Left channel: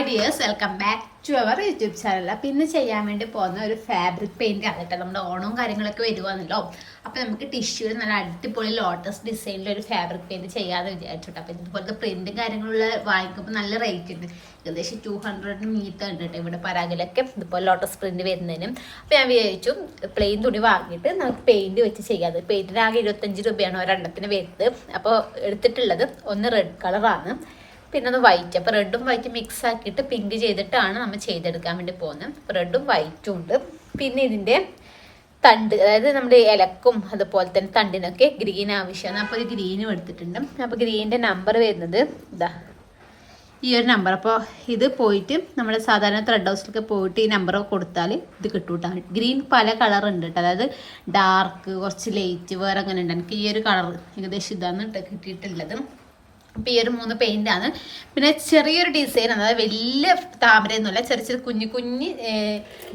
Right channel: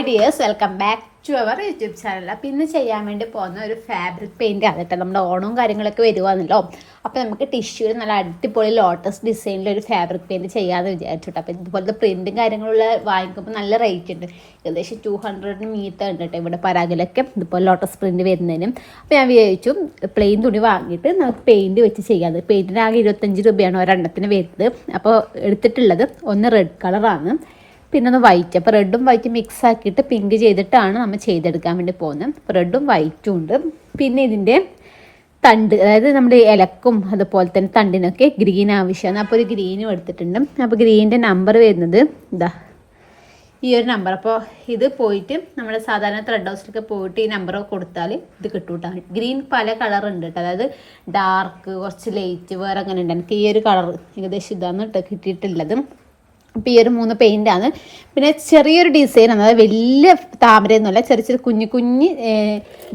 Hi dears, welcome back to our YouTube channel. അപ്പം ഇന്ന് ചെയ്യാൻ വേണ്ടി പോകുന്ന ഒരു ഫാബ്രിക് പെയിൻറ് ആണ് കേട്ടോ. നമ്മുടെ ഓണവും കാര്യങ്ങളൊക്കെ വരുവാണല്ലോ. അപ്പോൾ നമുക്ക് ടിഷ്യൂവിൽ നല്ല അടിപൊളി ലോട്ടസ് ഡിസൈനിൽ ഒരു ഫാബ്രിക് പെയിൻറ് ചെയ്യാമെന്ന് വിചാരിച്ചിട്ട്. അപ്പോൾ ഇതുപോലത്തെ പ്രിൻറ്റും കാര്യങ്ങളുള്ള വാങ്ങിക്കുമ്പോൾ നല്ല റേറ്റ് ഉണ്ട്. ഏകദേശം 200 മീറ്റർ ഉണ്ട് കേട്ടോ ഇവിടെ പരാഗിലൊക്കെ ഇതുപോലെ ലോട്ടസ് പ്രിൻറ്റ് വരുന്നതിനും. അപ്പോൾ ഞാൻ വിചാരിച്ചു പ്ലെയിൻ തുണി വാങ്ങിയിട്ട് നമുക്ക് പെയിൻറ് വെച്ച് ചെയ്യാം. പെയിൻറ്റിന് ആകെ 25 രൂപയാണ് ഒരെണ്ണത്തിന് വരുന്നത്. അപ്പോൾ എടുത്തിട്ടുള്ളത് ഒന്ന് റെഡ് കളറാണ്, പിന്നെ ഒന്ന് വൈറ്റ്. അപ്പോൾ റെഡും വൈറ്റും മിക്സ് ആക്കിയിട്ട് പിങ്ക് ചെയ്തിട്ടാണ് നമ്മൾ ചെയ്തെടുക്കാൻ വേണ്ടി പോകുന്നത്. അപ്പോൾ റെഡും വൈറ്റും ഉണ്ട്. പിന്നെ ഇതിൻ്റെ തണ്ട്, അതായത് നമ്മുടെ ഇലക്കും അതുപോലെ തന്നെ തണ്ടിനൊക്കെ ഗ്രീൻ ആവശ്യമാണ്. അപ്പോൾ ഒരു ഗ്രീനും എടുത്തിട്ടുണ്ട്. അപ്പോൾ ഗ്രീനിൻ്റെ നമ്പർ വരുന്നത് ഇതാ ഈ ഒരു നമ്പർ. അപ്പോൾ ഇത് പോയിട്ട് നമ്മൾ സാധാരണ ത്രെഡ് ഹൗസിലൊക്കെ പോയിട്ട് ഈ നമ്പർ കൊടുത്താൽ ഇത് കിട്ടൂട്ടാ. ഗ്രീൻ പല കളർ ഉണ്ട് കേട്ടോ, അതായത് ഡാർക്ക്, കുറച്ച് ലൈറ്റ്, വേറെ അങ്ങനെ ഉണ്ട്. എനിക്ക് ഈ ഒരു കളർ ഏകദേശം ഇതാണ് കിട്ടിയിട്ടുള്ളത്. അപ്പോൾ ഈ ഒരു 3 പെയിൻ്റാണ്. പിന്നെ ചെറിയൊരു ഡിസൈനാണ്, അതായത് വലിയ താമരയൊന്നുമല്ല, ചെറിയ ചെറിയ കുഞ്ഞു കുഞ്ഞ്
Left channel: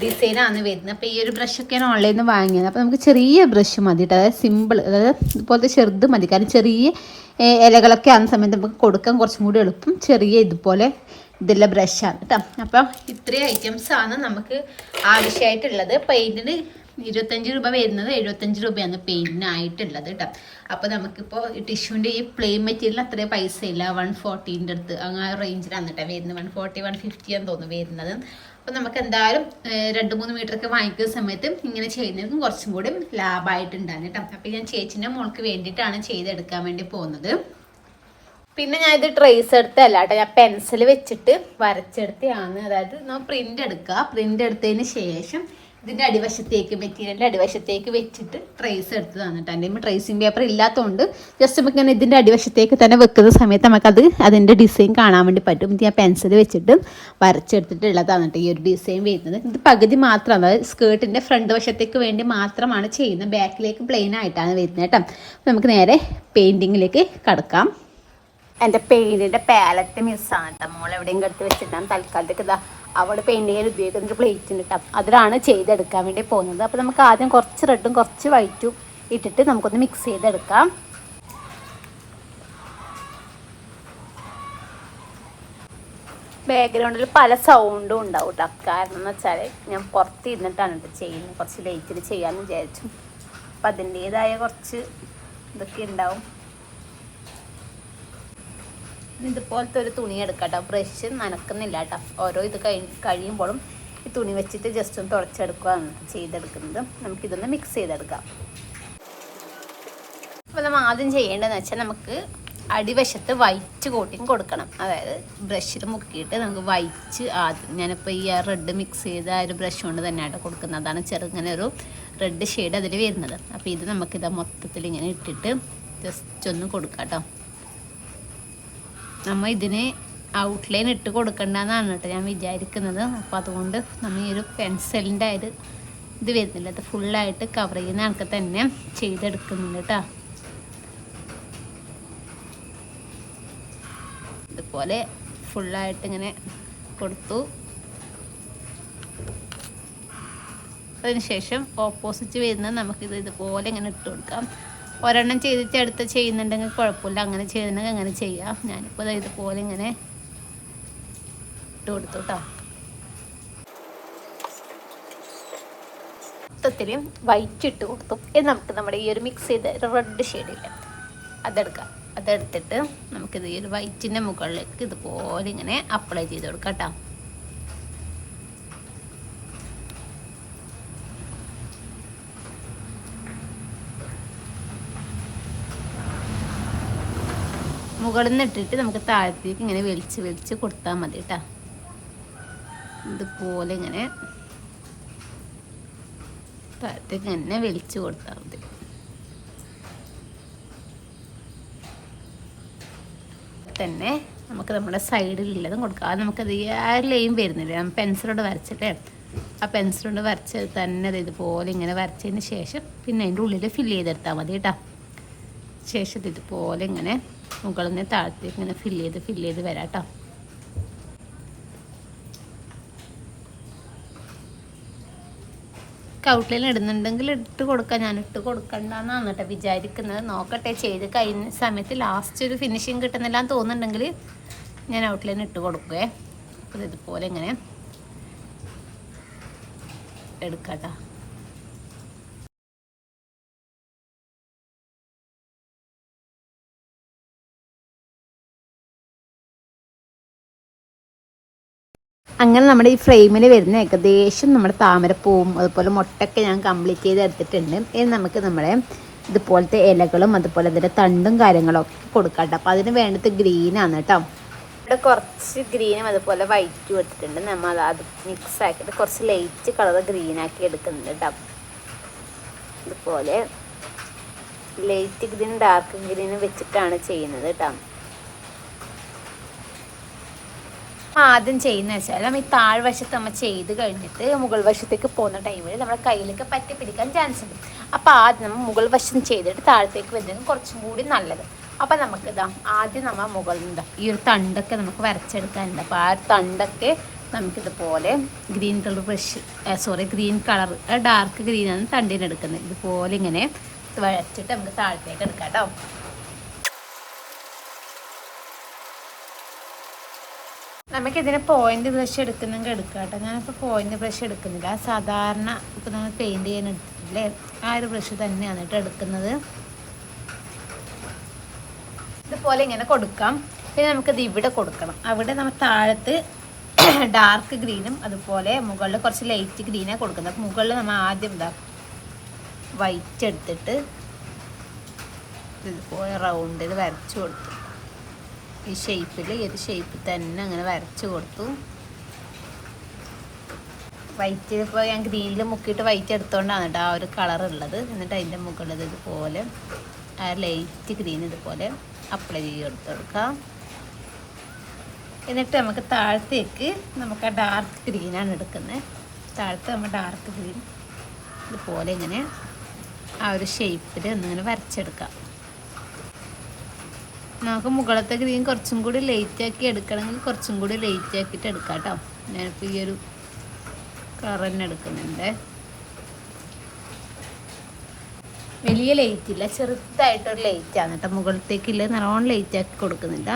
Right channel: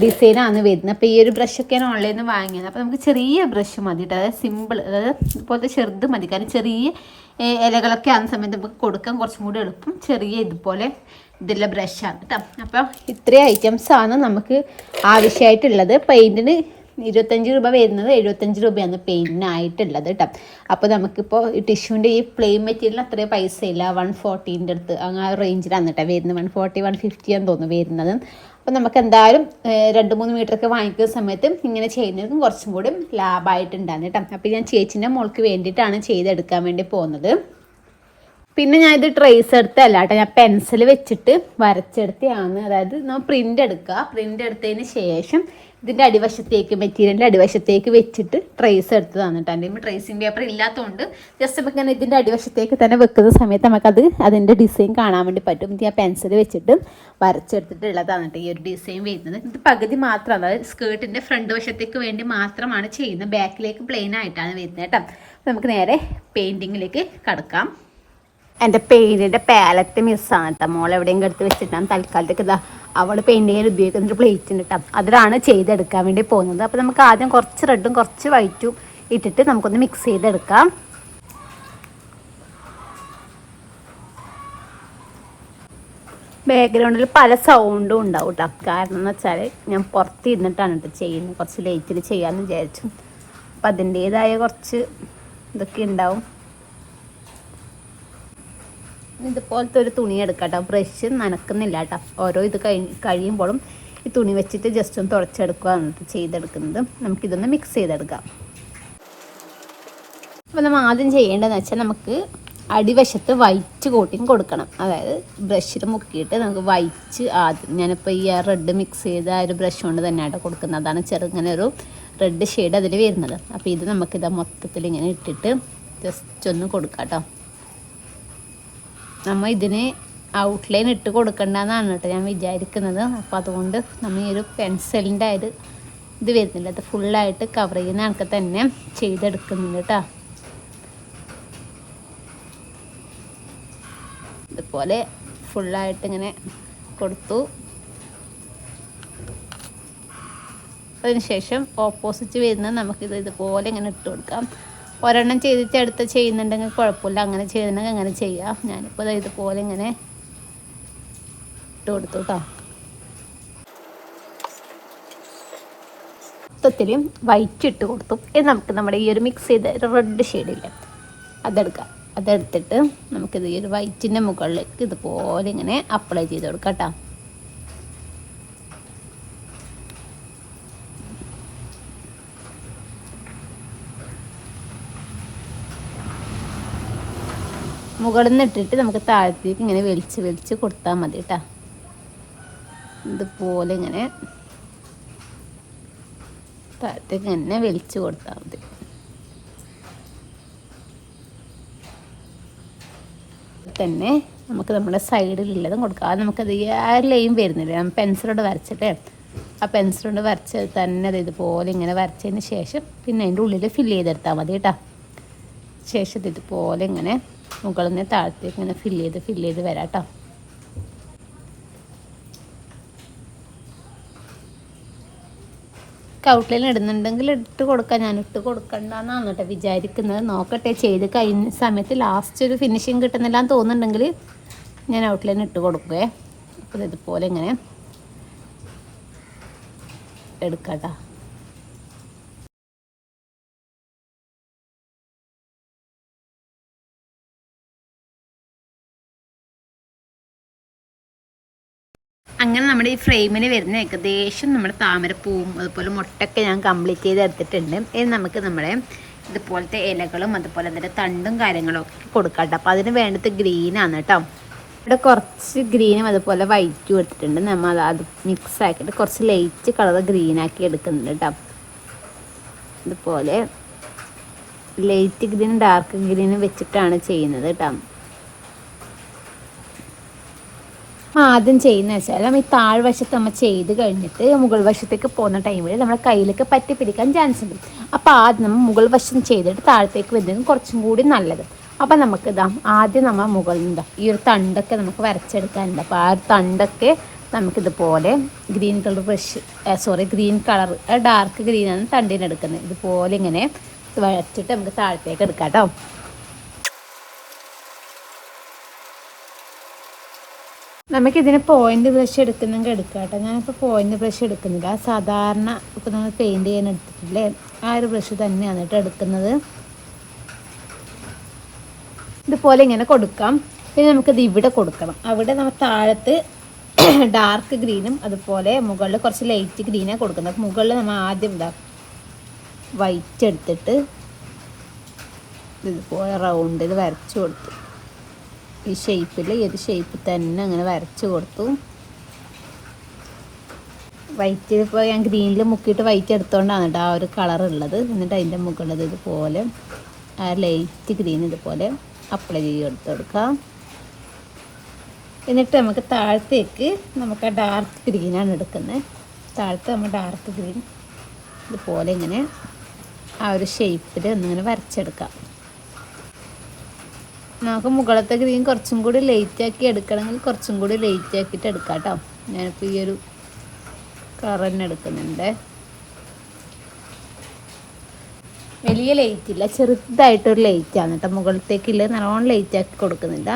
ഡിസൈനാണ് വരുന്നത്. അപ്പോൾ ഈ ഒരു ബ്രഷൊക്കെയാണ് ഓൺലൈനിൽ നിന്ന് വാങ്ങിയത്. അപ്പോൾ നമുക്ക് ചെറിയ ബ്രഷ് മതി കേട്ടോ, അതായത് സിമ്പിൾ, അതായത് ഇതുപോലത്തെ ചെറുത് മതി. കാരണം ചെറിയ ഇലകളൊക്കെ ആകുന്ന സമയത്ത് നമുക്ക് കൊടുക്കാൻ കുറച്ചും കൂടി എളുപ്പം ചെറിയ ഇതുപോലെ ഇതുള്ള ബ്രഷാണ് കേട്ടോ. അപ്പോൾ ഇത്രയും ഐറ്റംസാണ് നമുക്ക് ആവശ്യമായിട്ടുള്ളത്. പെയിൻറ്റിന് 25 രൂപ വരുന്നത്, 75 രൂപയാണ് പെയിൻറ്റിനായിട്ടുള്ളത് കേട്ടോ. അപ്പോൾ നമുക്കിപ്പോൾ ഈ ടിഷ്യൂവിൻ്റെ ഈ പ്ലെയിൻ മെറ്റീരിയൽ അത്രയും പൈസ ഇല്ല, 140ൻ്റെ അടുത്ത് അങ്ങനെ റേഞ്ചിലാണ് കേട്ടോ വരുന്നത്. 140, 150 ആണെന്ന് തോന്നുന്നു വരുന്നത്. അപ്പോൾ നമുക്ക് എന്തായാലും 2-3 മീറ്ററൊക്കെ വാങ്ങിക്കുന്ന സമയത്ത് ഇങ്ങനെ ചെയ്യുന്നതും കുറച്ചും കൂടി ലാഭമായിട്ടുണ്ടാകും കേട്ടോ. അപ്പോൾ ഞാൻ ചേച്ചിൻ്റെ മോൾക്ക് വേണ്ടിയിട്ടാണ് ചെയ്തെടുക്കാൻ വേണ്ടി പോകുന്നത്. പിന്നെ ഞാൻ ഇത് ട്രേസ് എടുത്തല്ല കേട്ടോ, ഞാൻ പെൻസിൽ വെച്ചിട്ട് വരച്ചെടുത്തതാണ്. അതായത് നമ്മൾ പ്രിൻ്റ് എടുക്കുക, പ്രിൻ്റ് എടുത്തതിന് ശേഷം ഇതിൻ്റെ അടിവശത്തേക്ക്, മെറ്റീരിയലിൻ്റെ അടിവശത്തേക്ക് വെച്ചിട്ട് ട്രേസ് എടുത്തതാണ് കേട്ടോ. എൻ്റെ ട്രേസിങ് പേപ്പർ ഇല്ലാത്തതുകൊണ്ട് ജസ്റ്റ് നമുക്ക് ഇങ്ങനെ ഇതിൻ്റെ അടിവശത്തേക്ക് തന്നെ വെക്കുന്ന സമയത്ത് നമുക്കത് അതിൻ്റെ ഡിസൈൻ കാണാൻ വേണ്ടി പറ്റും. ഇത് ഞാൻ പെൻസിൽ വെച്ചിട്ട് വരച്ചെടുത്തിട്ടുള്ളതാണ് കേട്ടോ ഈ ഒരു ഡിസൈൻ വരുന്നത്. ഇത് പകുതി മാത്രമാണ്, അതായത് സ്കേർട്ടിൻ്റെ ഫ്രണ്ട് വശത്തേക്ക് വേണ്ടി മാത്രമാണ് ചെയ്യുന്നത്. ബാക്കിലേക്ക് പ്ലെയിൻ ആയിട്ടാണ് വരുന്നത് കേട്ടോ. അപ്പോൾ നമുക്ക് നേരെ പെയിൻറ്റിങ്ങിലേക്ക് കടക്കാം. എൻ്റെ പെയിൻറ്റിൻ്റെ പാലറ്റ് മിസ്സാണ് കേട്ടോ, മോളെവിടെയെങ്കിലും എടുത്ത് വെച്ചിട്ടാണ് തൽക്കാലത്തേക്ക് ഇതാ അവൾ പെയിൻറ്റിങ്ങിൽ ഉപയോഗിക്കുന്നൊരു പ്ലേറ്റ് ഉണ്ട് കേട്ടോ, അതിലാണ് ചെയ്തെടുക്കാൻ വേണ്ടി പോകുന്നത്. അപ്പോൾ നമുക്ക് ആദ്യം കുറച്ച് റെഡും കുറച്ച് വൈറ്റും ഇട്ടിട്ട് നമുക്കൊന്ന് മിക്സ് ചെയ്തെടുക്കാം. ബാക്ക്ഗ്രൗണ്ടിൽ പല സൗണ്ടും ഉണ്ടാവും കേട്ടോ, കാരണം എന്ന് വെച്ചാൽ ഞാൻ പുറത്തിരുന്നിട്ടാണ് കേട്ടോ ചെയ്യുന്നത്. കുറച്ച് ലൈറ്റിൽ ചെയ്യാമെന്ന് വിചാരിച്ചു. അപ്പം അതിൻ്റേതായ കുറച്ച് ഇതൊക്കെ ഉണ്ടാവും. ഇതുപോലത്തെ ഒരു തുണി എടുക്കാം കേട്ടോ, ബ്രഷ് നനക്കുന്നില്ല കേട്ടോ. ഓരോ ഇത് കഴിയുമ്പോഴും ഈ തുണി വെച്ചിട്ട് ജസ്റ്റ് ഒന്ന് തുടച്ചെടുക്കുക എന്നിട്ട് ചെയ്തെടുക്കുന്നത്. നമുക്കിതൊന്ന് മിക്സ് ചെയ്തെടുക്കാം. അപ്പോൾ നമ്മൾ ആദ്യം ചെയ്യേണ്ടതെന്ന് വെച്ചാൽ നമുക്ക് അടിവശത്ത് വൈറ്റ് കോട്ടിങ് കൊടുക്കണം. അതായത് ബ്രഷിൽ മുക്കിയിട്ട് നമുക്ക് വൈറ്റ് ആദ്യം, ഞാനിപ്പോൾ ഈ റെഡ് മിക്സ് ചെയ്ത ആ ഒരു ബ്രഷ് കൊണ്ട് തന്നെയായിട്ട് കൊടുക്കുന്നത്. അതാണ് ചെറുങ്ങനെ ഒരു റെഡ് ഷെയ്ഡ് അതിൽ വരുന്നത്. അപ്പോൾ ഇത് നമുക്കിത് മൊത്തത്തിൽ ഇങ്ങനെ ഇട്ടിട്ട് ജസ്റ്റ് ഒന്ന് കൊടുക്കാം കേട്ടോ. നമ്മൾ ഇതിന് ഔട്ട്ലൈൻ ഇട്ട് കൊടുക്കണ്ടെന്നാണ് കേട്ടോ ഞാൻ വിചാരിക്കുന്നത്. അപ്പോൾ അതുകൊണ്ട് നമ്മൾ ഈ ഒരു പെൻസിലിൻ്റെ ഇത് വരുന്നില്ല, അത് ഫുള്ളായിട്ട് കവർ ചെയ്യുന്ന കണക്ക് തന്നെ ചെയ്തെടുക്കുന്നുണ്ട് കേട്ടോ. ഇതുപോലെ ഫുള്ളായിട്ട് ഇങ്ങനെ കൊടുത്തു. അതിനുശേഷം ഓപ്പോസിറ്റ് വരുന്നത് നമുക്കിത് ഇതുപോലെ ഇങ്ങനെ ഇട്ട് കൊടുക്കാം. ഒരെണ്ണം ചെയ്തിട്ട് അടുത്ത് ചെയ്യുന്നുണ്ടെങ്കിൽ കുഴപ്പമില്ല, അങ്ങനെ ചെയ്യുന്നുണ്ടെങ്കിൽ അങ്ങനെ ചെയ്യാം. ഞാനിപ്പോൾ ഇതുപോലെ ഇങ്ങനെ ഇട്ട് കൊടുത്തു കേട്ടോ. മൊത്തത്തിൽ വൈറ്റ് ഇട്ട് കൊടുത്തു. ഇത് നമുക്ക് നമ്മുടെ ഈ ഒരു മിക്സ് ചെയ്ത റെഡ് ഷെയ്ഡില്ല അതെടുക്കാം. അതെടുത്തിട്ട് നമുക്കിത് ഈ ഒരു വൈറ്റിൻ്റെ മുകളിലേക്ക് ഇതുപോലെ ഇങ്ങനെ അപ്ലൈ ചെയ്ത് കൊടുക്കാം കേട്ടോ. മുകളിൽ നിന്ന് ഇട്ടിട്ട് നമുക്ക് താഴത്തേക്ക് ഇങ്ങനെ വലിച്ച് കൊടുത്താൽ മതി കേട്ടോ. ഇതുപോലെ ഇങ്ങനെ താഴത്തേക്ക് ഇങ്ങനെ വലിച്ച് കൊടുത്താൽ മതി. തന്നെ നമുക്ക് നമ്മുടെ സൈഡിലുള്ളതും കൊടുക്കാം. അത് നമുക്കത് ആ ലൈൻ വരുന്നില്ല, പെൻസിലോട് വരച്ചിട്ട് ആ പെൻസിലോട് വരച്ചത് തന്നെ അത് ഇതുപോലെ ഇങ്ങനെ വരച്ചതിന് ശേഷം പിന്നെ അതിൻ്റെ ഉള്ളിൽ ഫില്ല് ചെയ്തെടുത്താൽ മതി കേട്ടോ. ശേഷം ഇതുപോലെ ഇങ്ങനെ മുകളിൽ നിന്ന് താഴത്തേക്ക് ഇങ്ങനെ ഫില്ല് ചെയ്ത് വരാം കേട്ടോ. ഔട്ട്ലൈൻ ഇടുന്നുണ്ടെങ്കിൽ ഇട്ട് കൊടുക്കാം, ഞാൻ ഇട്ട് കൊടുക്കണ്ടെന്നാണ് കേട്ടോ വിചാരിക്കുന്നത്. നോക്കട്ടെ, ചെയ്ത് കഴിഞ്ഞ സമയത്ത് ലാസ്റ്റ് ഒരു ഫിനിഷിങ് കിട്ടുന്നില്ല എന്ന് തോന്നുന്നുണ്ടെങ്കിൽ ഞാൻ ഔട്ട്ലൈൻ ഇട്ട് കൊടുക്കുകയെ. അപ്പോൾ ഇതുപോലെ ഇങ്ങനെ എടുക്കട്ടോ. അങ്ങനെ നമ്മുടെ ഈ ഫ്രെയിമിൽ വരുന്ന ഏകദേശം നമ്മുടെ താമരപ്പൂവും അതുപോലെ മുട്ടൊക്കെ ഞാൻ കംപ്ലീറ്റ് ചെയ്ത് എടുത്തിട്ടുണ്ട്. ഇനി നമുക്ക് നമ്മുടെ ഇതുപോലത്തെ ഇലകളും അതുപോലെ അതിൻ്റെ തണ്ടും കാര്യങ്ങളൊക്കെ കൊടുക്കാം കേട്ടോ. അപ്പോൾ അതിന് വേണ്ടത് ഗ്രീനാണ് കേട്ടോ. ഇവിടെ കുറച്ച് ഗ്രീനും അതുപോലെ വൈറ്റും എടുത്തിട്ടുണ്ട്. നമ്മൾ അത് മിക്സ് ആക്കിയിട്ട് കുറച്ച് ലൈറ്റ് കളർ ഗ്രീനാക്കി എടുക്കുന്നുണ്ട് കേട്ടോ. ഇതുപോലെ ലൈറ്റ് ഗ്രീനും ഡാർക്ക് ഗ്രീനും വെച്ചിട്ടാണ് ചെയ്യുന്നത് കേട്ടോ. ആദ്യം ചെയ്യുന്ന വെച്ചാൽ നമ്മൾ ഈ താഴ്വശത്ത് നമ്മൾ ചെയ്ത് കഴിഞ്ഞിട്ട് മുകൾ വശത്തേക്ക് പോകുന്ന ടൈമിൽ നമ്മുടെ കയ്യിലേക്ക് പറ്റി പിടിക്കാൻ ചാൻസ് ഉണ്ട്. അപ്പോൾ ആദ്യം നമ്മൾ മുകൾ വശം ചെയ്തിട്ട് താഴത്തേക്ക് വരുന്നത് കുറച്ചും കൂടി നല്ലത്. അപ്പം നമുക്ക് ഇതാ ആദ്യം നമ്മൾ മുകളിൽ നിന്ന് ഈ ഒരു തണ്ടൊക്കെ നമുക്ക് വരച്ചെടുക്കാനുണ്ട്. അപ്പോൾ ആ ഒരു തണ്ടൊക്കെ നമുക്കിതുപോലെ green colour green colour dark ഗ്രീനാണ് തണ്ടിനെടുക്കുന്നത്. ഇതുപോലെ ഇങ്ങനെ വരച്ചിട്ട് നമുക്ക് താഴത്തേക്ക് എടുക്കാം കേട്ടോ. നമുക്കിതിന് പോയിൻ്റ് ബ്രഷ് എടുക്കുന്നെങ്കിൽ എടുക്കാം കേട്ടോ. ഞാനിപ്പോൾ പോയിൻ്റ് ബ്രഷ് എടുക്കുന്നില്ല. സാധാരണ ഇപ്പോൾ നമ്മൾ പെയിൻറ്റ് ചെയ്യാൻ എടുത്തിട്ടില്ലേ ആ ഒരു ബ്രഷ് തന്നെയാണ് കേട്ടോ എടുക്കുന്നത്. ഇതുപോലെ ഇങ്ങനെ കൊടുക്കാം. ഇത് നമുക്കിത് ഇവിടെ കൊടുക്കണം. അവിടെ നമ്മൾ താഴത്ത് ഡാർക്ക് ഗ്രീനും അതുപോലെ മുകളിൽ കുറച്ച് ലൈറ്റ് ഗ്രീനാണ് കൊടുക്കുന്നത്. മുകളിൽ നമ്മൾ ആദ്യം വൈറ്റ് എടുത്തിട്ട് ഇതുപോലെ റൗണ്ടിൽ വരച്ച് കൊടുത്തു. ഈ ഷേപ്പിൽ ഏത് ഷേപ്പിൽ തന്നെ അങ്ങനെ വരച്ച് കൊടുത്തു. വൈറ്റ് ഇപ്പോൾ ഞാൻ ഗ്രീനിൽ മുക്കിയിട്ട് വൈറ്റ് എടുത്തുകൊണ്ടാണ് കേട്ടോ ആ ഒരു കളർ ഉള്ളത്. എന്നിട്ട് അതിൻ്റെ മുകളിൽ ഇതുപോലെ ആ ലൈറ്റ് ഗ്രീൻ ഇതുപോലെ അപ്ലൈ ചെയ്ത് കൊടുക്കാം. എന്നിട്ട് നമുക്ക് താഴത്തേക്ക് നമുക്ക് ആ ഡാർക്ക് ഗ്രീനാണ് എടുക്കുന്നത്. താഴത്ത് നമ്മൾ ഡാർക്ക് ഗ്രീൻ ഇതുപോലെ ഇങ്ങനെ ആ ഒരു ഷേപ്പിൽ ഒന്നിങ്ങനെ വരച്ചെടുക്കാം. നമുക്ക് മുകളത്തെ ഗ്രീൻ കുറച്ചും കൂടി ലൈറ്റാക്കി എടുക്കണമെങ്കിൽ കുറച്ചും കൂടി ലൈറ്റ് ആക്കിയിട്ട് എടുക്കാം കേട്ടോ. ഞാനിപ്പോൾ ഈ ഒരു കളർ തന്നെ എടുക്കുന്നുണ്ട്. വലിയ ലൈറ്റ് ഇല്ല, ചെറുതായിട്ടൊരു ലൈറ്റാണ് കേട്ടോ. മുകളത്തേക്കില്ല, നല്ലോണം ലൈറ്റ് ആക്കി കൊടുക്കുന്നില്ല.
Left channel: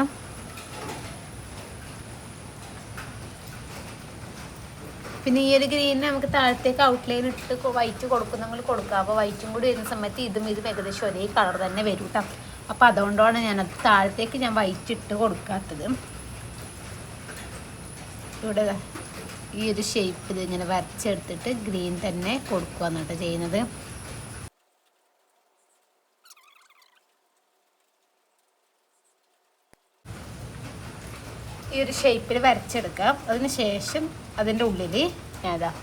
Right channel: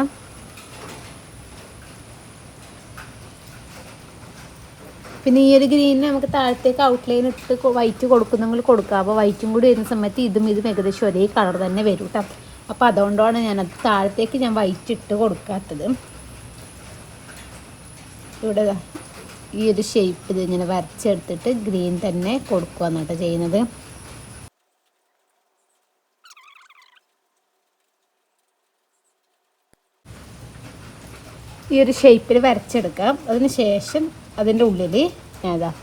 പിന്നെ ഈ ഒരു ഗ്രീനിന് നമുക്ക് താഴത്തേക്ക് ഔട്ട്ലൈൻ ഇട്ട് വൈറ്റ് കൊടുക്കുന്നെങ്കിൽ കൊടുക്കാം. അപ്പോൾ വൈറ്റും കൂടി വരുന്ന സമയത്ത് ഇതും ഏകദേശം ഒരേ കളർ തന്നെ വരും കേട്ടോ. അപ്പോൾ അതുകൊണ്ടാണ് ഞാനത് താഴത്തേക്ക് ഞാൻ വൈറ്റ് ഇട്ട് കൊടുക്കാത്തത്. ഇവിടെ ഈ ഒരു ഷേപ്പിൽ ഇങ്ങനെ വരച്ചെടുത്തിട്ട് ഗ്രീൻ തന്നെ കൊടുക്കുകയാണ് കേട്ടോ ചെയ്യുന്നത്. ഈ ഒരു ഷേപ്പിൽ വരച്ചെടുക്കാം. അതിന് ശേഷം അതിൻ്റെ ഉള്ളിൽ ഞാനതാ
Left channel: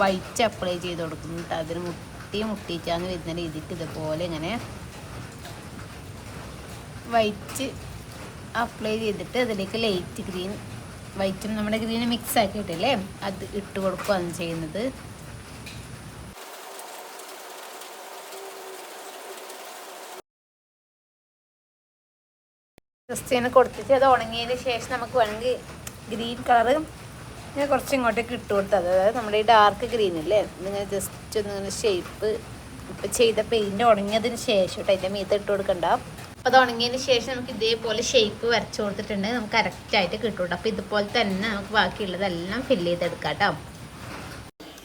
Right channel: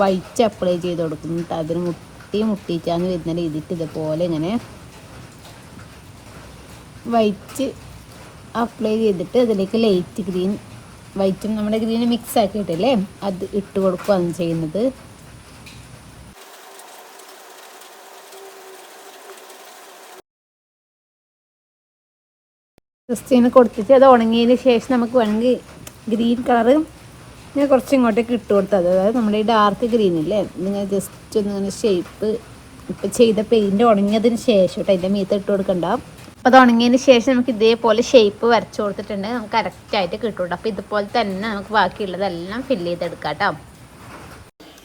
വൈറ്റ് അപ്ലൈ ചെയ്ത് കൊടുക്കുന്നു. അതിന് മുട്ടിയിട്ടാണ് വരുന്ന രീതിക്ക് ഇതുപോലെ ഇങ്ങനെ വൈറ്റ് അപ്ലൈ ചെയ്തിട്ട് അതിലേക്ക് ലൈറ്റ് ഗ്രീൻ വൈറ്റും നമ്മുടെ ഗ്രീന് മിക്സ് ആക്കിയിട്ടില്ലേ അത് ഇട്ട് കൊടുക്കുകയാണ് ചെയ്യുന്നത്. ജസ്റ്റ് കൊടുത്തിട്ട് അത് ഉണങ്ങിയതിന് ശേഷം നമുക്ക് വേണമെങ്കിൽ ഗ്രീൻ കളറ് ഞാൻ കുറച്ച് ഇങ്ങോട്ടേക്ക് ഇട്ട് കൊടുത്തത്. അതായത് നമ്മുടെ ഈ ഡാർക്ക് ഗ്രീനില്ലേ നിങ്ങൾ ജസ്റ്റ് ഒന്നിങ്ങനെ ഷേപ്പ് ഇപ്പം ചെയ്ത പെയിൻറ്റ് ഉണങ്ങിയതിന് ശേഷം കേട്ടോ അതിൻ്റെ മീത്ത് ഇട്ട് കൊടുക്കണ്ടാവും. അപ്പോൾ അത് ഉണങ്ങിയതിന് ശേഷം നമുക്ക് ഇതേപോലെ ഷേപ്പ് വരച്ച് കൊടുത്തിട്ടുണ്ടെങ്കിൽ നമുക്ക് കറക്റ്റായിട്ട് കിട്ടും. അപ്പോൾ ഇതുപോലെ തന്നെ നമുക്ക് ബാക്കിയുള്ളതെല്ലാം ഫില്ല് ചെയ്തെടുക്കാം കേട്ടോ.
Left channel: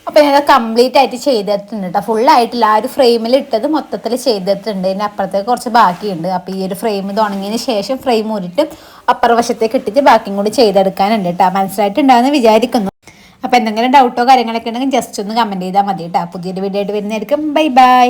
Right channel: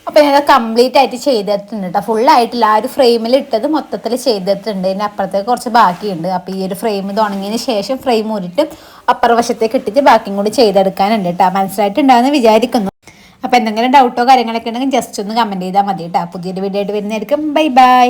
അപ്പോൾ ഞാൻ കംപ്ലീറ്റ് ആയിട്ട് ചെയ്തിട്ടുണ്ട് കേട്ടോ. ഫുള്ളായിട്ടില്ല, ആ ഒരു ഫ്രെയിമിൽ ഇട്ടത് മൊത്തത്തിൽ ചെയ്തിട്ടുണ്ട്. ഇതിന് അപ്പുറത്തേക്ക് കുറച്ച് ബാക്കിയുണ്ട്. അപ്പോൾ ഈ ഒരു ഫ്രെയിം ഇത് ഉണങ്ങിയതിന് ശേഷം ഫ്രെയിം ഊരിട്ട് അപ്പുറവശത്തേക്ക് ഇട്ടിട്ട് ബാക്കിയും കൂടി ചെയ്തെടുക്കാനുണ്ട് കേട്ടോ. മനസ്സിലായിട്ടുണ്ടാകുമെന്ന് വിചാരിക്കുന്നു. അപ്പോൾ എന്തെങ്കിലും ഡൗട്ടോ കാര്യങ്ങളൊക്കെ ഉണ്ടെങ്കിൽ ജസ്റ്റ് ഒന്ന് കമൻറ്റ് ചെയ്താൽ മതി കേട്ടോ. പുതിയൊരു വീഡിയോ ആയിട്ട് വരുന്നതായിരിക്കും. Bye bye.